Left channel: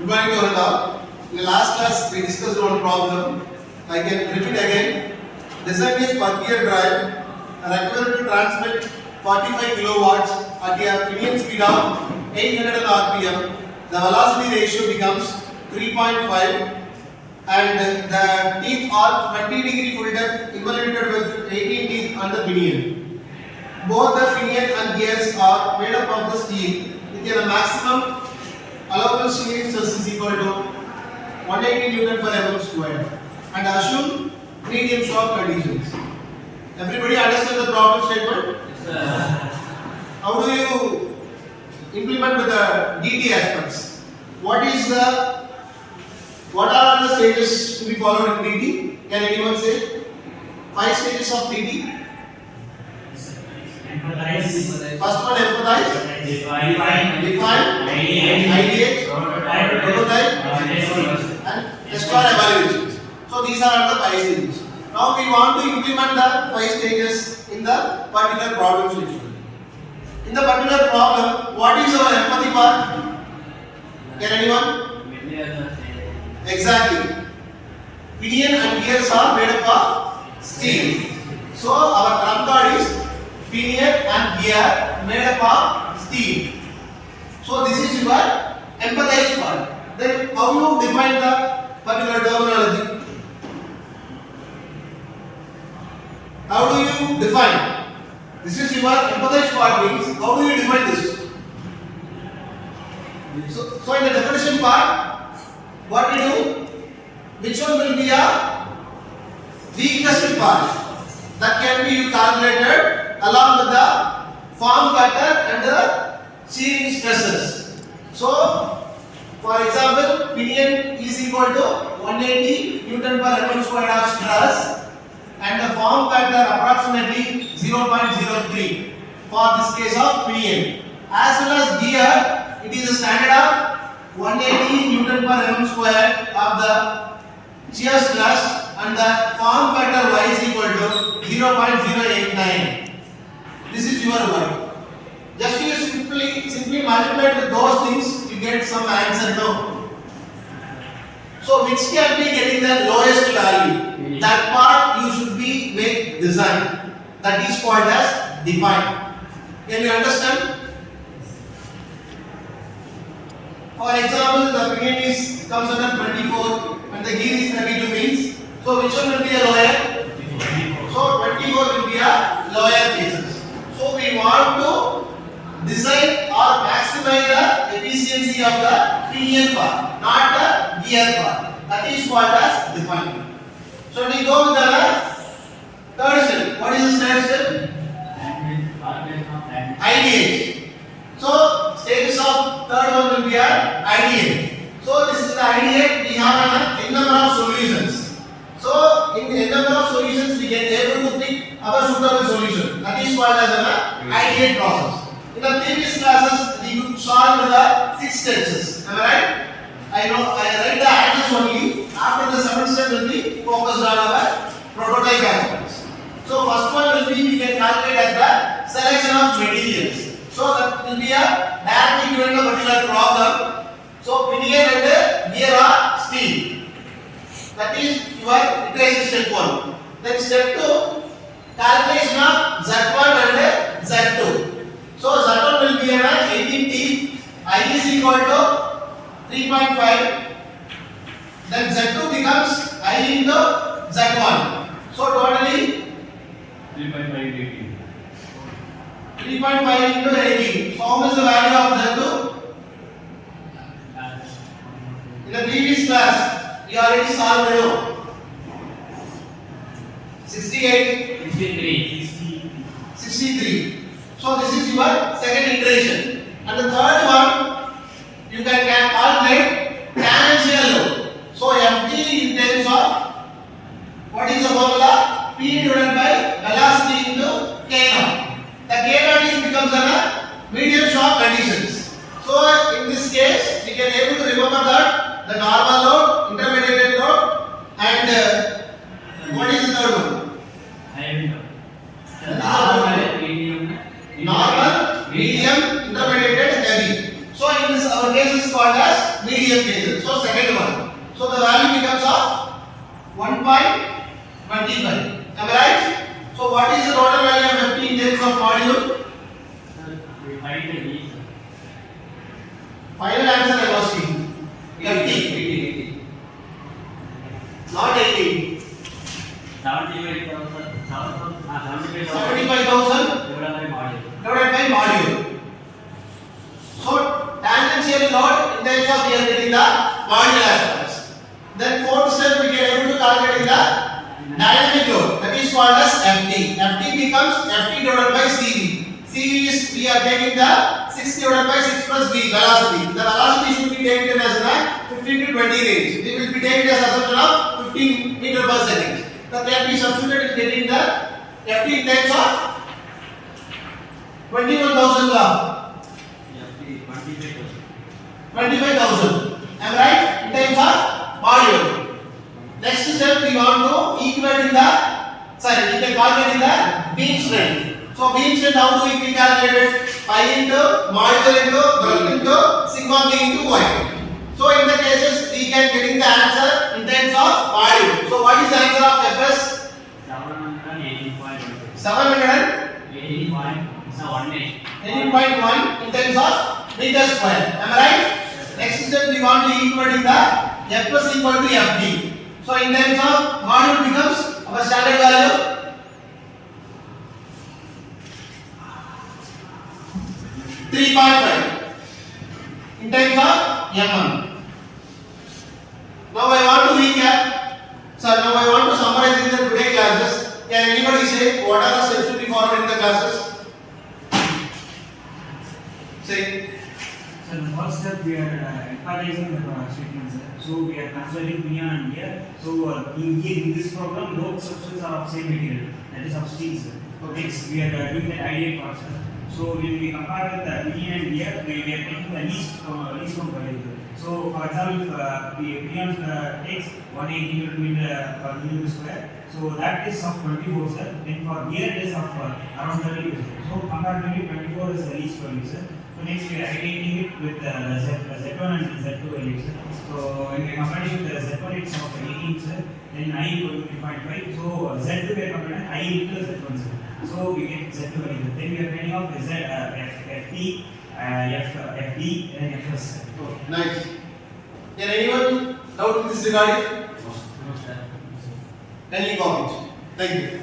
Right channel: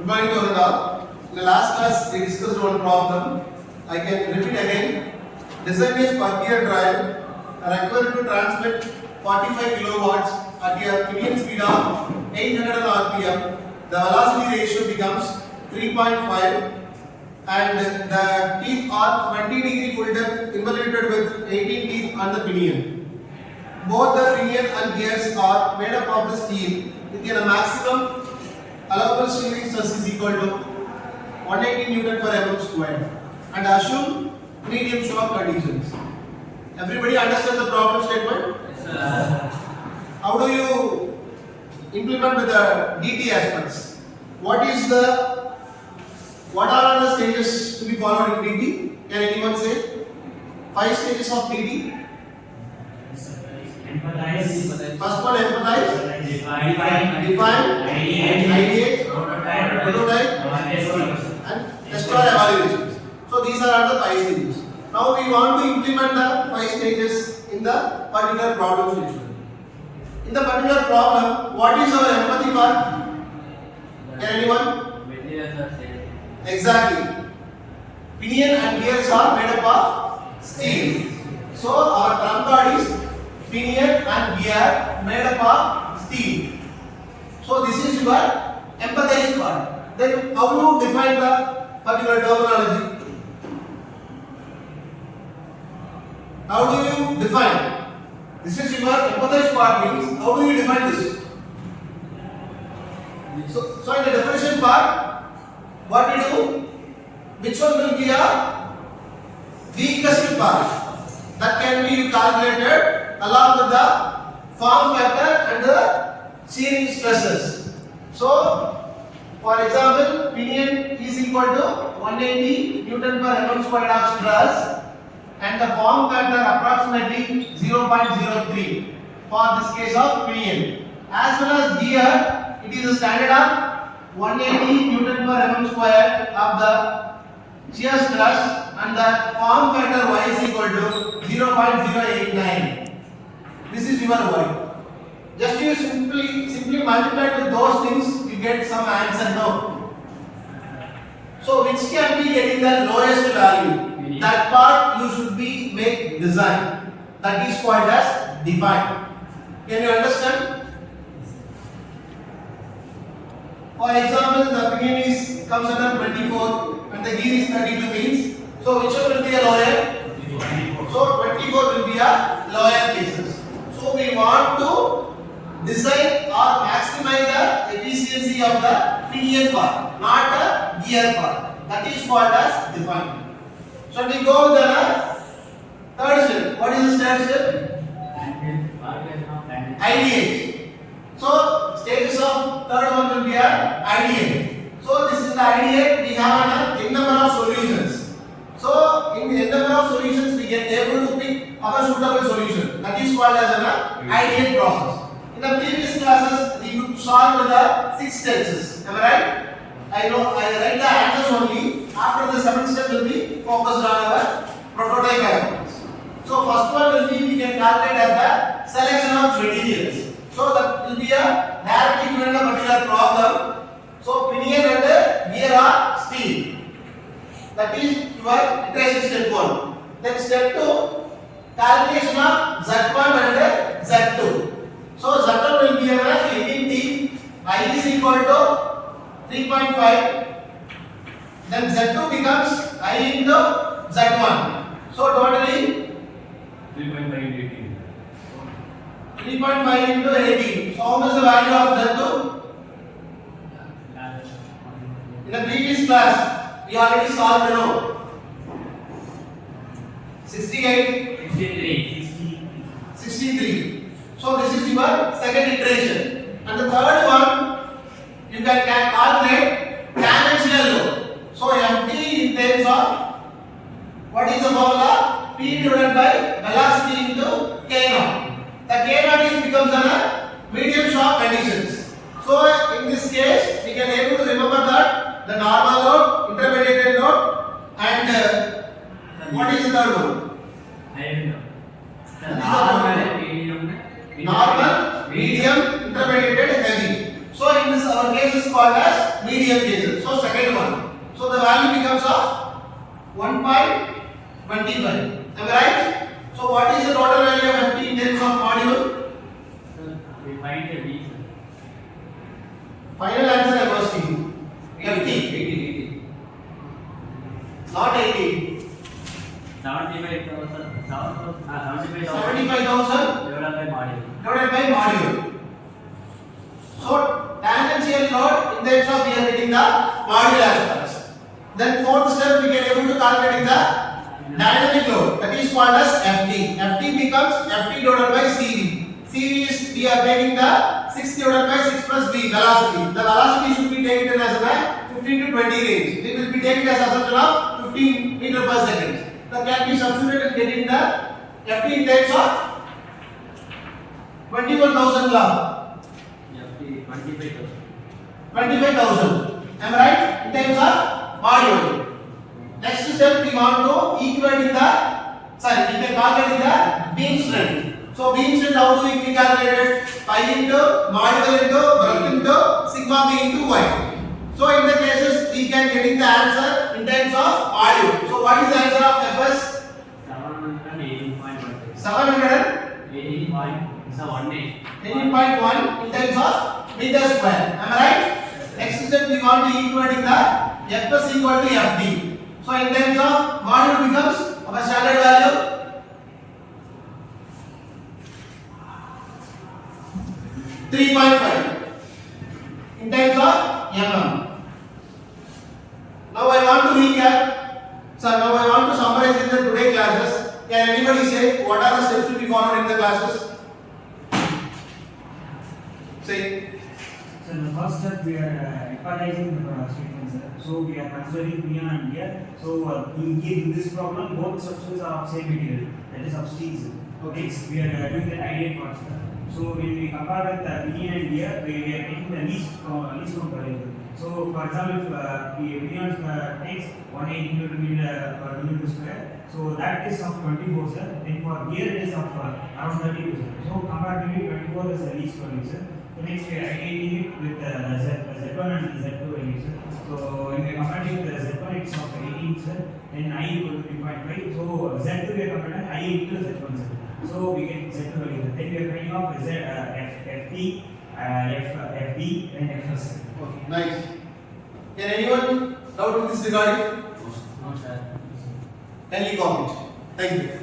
Good morning to all. In the last class, we discussed one problem. I can repeat again. Design is per gear drive are required to transmit 45 kilowatts at a medium speed of 800 rpm. The velocity ratio becomes 3.5 and the teeth are 20 degree full depth involuted with 18 teeth on the pinion. Both the pinion and gears are made up of the steel with a maximum allowable shearing stress is equal to 180 Newton per mm square and assume medium shock conditions. Everybody understand the problem statement? Yes, sir. How do you implement with the DT aspects? What are the stages to be followed in DT? Can anyone say? 5 stages of DT. Empathize. First one, empathize. Define. Ideate. Prototype. Prototype. And test or evaluation. So these are the 5 stages. Now we want to implement the 5 stages in the particular problem statement. In the particular problem, what is our empathy part? Can anyone? Exactly. Pinion and gears are made up of steel. So our trump card is pinion and gear made up of steel. So this is your empathize part. Then how you define the particular terminology? How do you define? This is your empathize part means how do you define this? So in the definition part, what we do? Which one will be a weakest part that can be calculated along with the form factor and the shearing stresses. So, for example, pinion is equal to 180 Newton per mm squared of stress and the form factor approximately 0.03 for this case of pinion. As well as gear, it is a standard of 180 Newton per mm square of the shear stress and the form factor y is equal to 0.089. This is your y. Just you simply multiply with those things, you get some answer now. So which can be getting the lowest value? That part you should be make design. That is called as define. Can you understand? For example, the pinion comes under 24 and the gear is 32 means. So which one will be a lower? So 24 will be a lower cases. So we want to design or maximize the efficiency of the pinion part, not the gear part. That is called as define. So we go with the third step. What is the third step? Ideate. So stages of third one will be a ideate. So this is the ideate. We have a n number of solutions. So in n number of solutions we get able to pick our suitable solution. That is called as an ideate process. In the previous classes we would solve with the 6 stages. Am I right? I write the answers only. After the 7th step will be focused on our prototype aspects. So first one will be we can calculate at the selection of materials. So that will be a direct equivalent of particular problem. So pinion and gear are steel. That is your iteration step 1. Then step 2, calculation of Z1 and Z2. So Z1 will be an 18 teeth. I is equal to 3.5. Then Z2 becomes I into Z1. So totally 3.5 18. 3.5 into 18. So how much the value of Z2? In the previous class, you already solved below. 68. 63. So this is your second iteration. And the third one, you can calculate tangential load. So Ft in terms of what is the formula? P divided by velocity into K naught. The K naught is becomes a medium shock conditions. So in this case, we can able to remember that the normal load, intermediate load, and what is the third one? Normal, medium, intermediate, heavy. So in this our case is called as medium. real cases. So second one. So the value becomes of 1.25. Am I right? So what is the total value of FT in terms of module? We find the D. Final answer I was asking. 50. 80. Not 80. 75,000. 75,000 75,000 divided by module. divided by module. So tangential load in terms of we are getting the module as first. Then fourth step we can able to calculate the dynamic load, that is called as FT. FT becomes FT divided by CV. CV is we are taking the 6 divided by 6 plus V velocity. The velocity should be taken as a 15 to 20 range. We will be taking as assumption of 15 meter per second. That can be substituted in getting the FT in terms of 21,000 log. Yeah, 25,000. 25,000. Am I right? In terms of module. Next step we want to equate in the we can calculate in the beam strength. So beam strength how do we calculate it? Pi into module into bulk into sigma b into y. So in the cases we can getting the answer in terms of module. So what is the answer of FS? 718.18. 700 18.18. 18.1 in terms of meter square. Am I right? Next step we want to equate in the Fs equal to Fd. So in terms of module becomes our standard value 3.5 in terms of mm. Now I want to recap. Sir, now I want to summarize in the today classes. Can anybody say what are the steps to be followed in the classes? Say. So in the first step we are equalizing the statements. So we are considering pion and gear. So in this problem both substrates are of same material, that is of steel. Next we are doing the ideal constant. So when we compare with the pion and gear, we are taking the least count variable. So for example, if the pion takes 180 millimeter per millimeter square, so that is of 24 sir. Then for gear it is of around 32 sir. So comparatively 24 is the least value sir. So next we are aggregating it with the Z1 and Z2 values. So when we are comparing with the Z1 it's of 18 sir, then I equal to 3.5. So Z2 we are comparing I equal to Z1 sir. So we get Z2 value. Then we are finding out FT, FD and FS. Okay, nice. Can anyone doubt in this regarding? No, sir. Kindly comment. Thank you.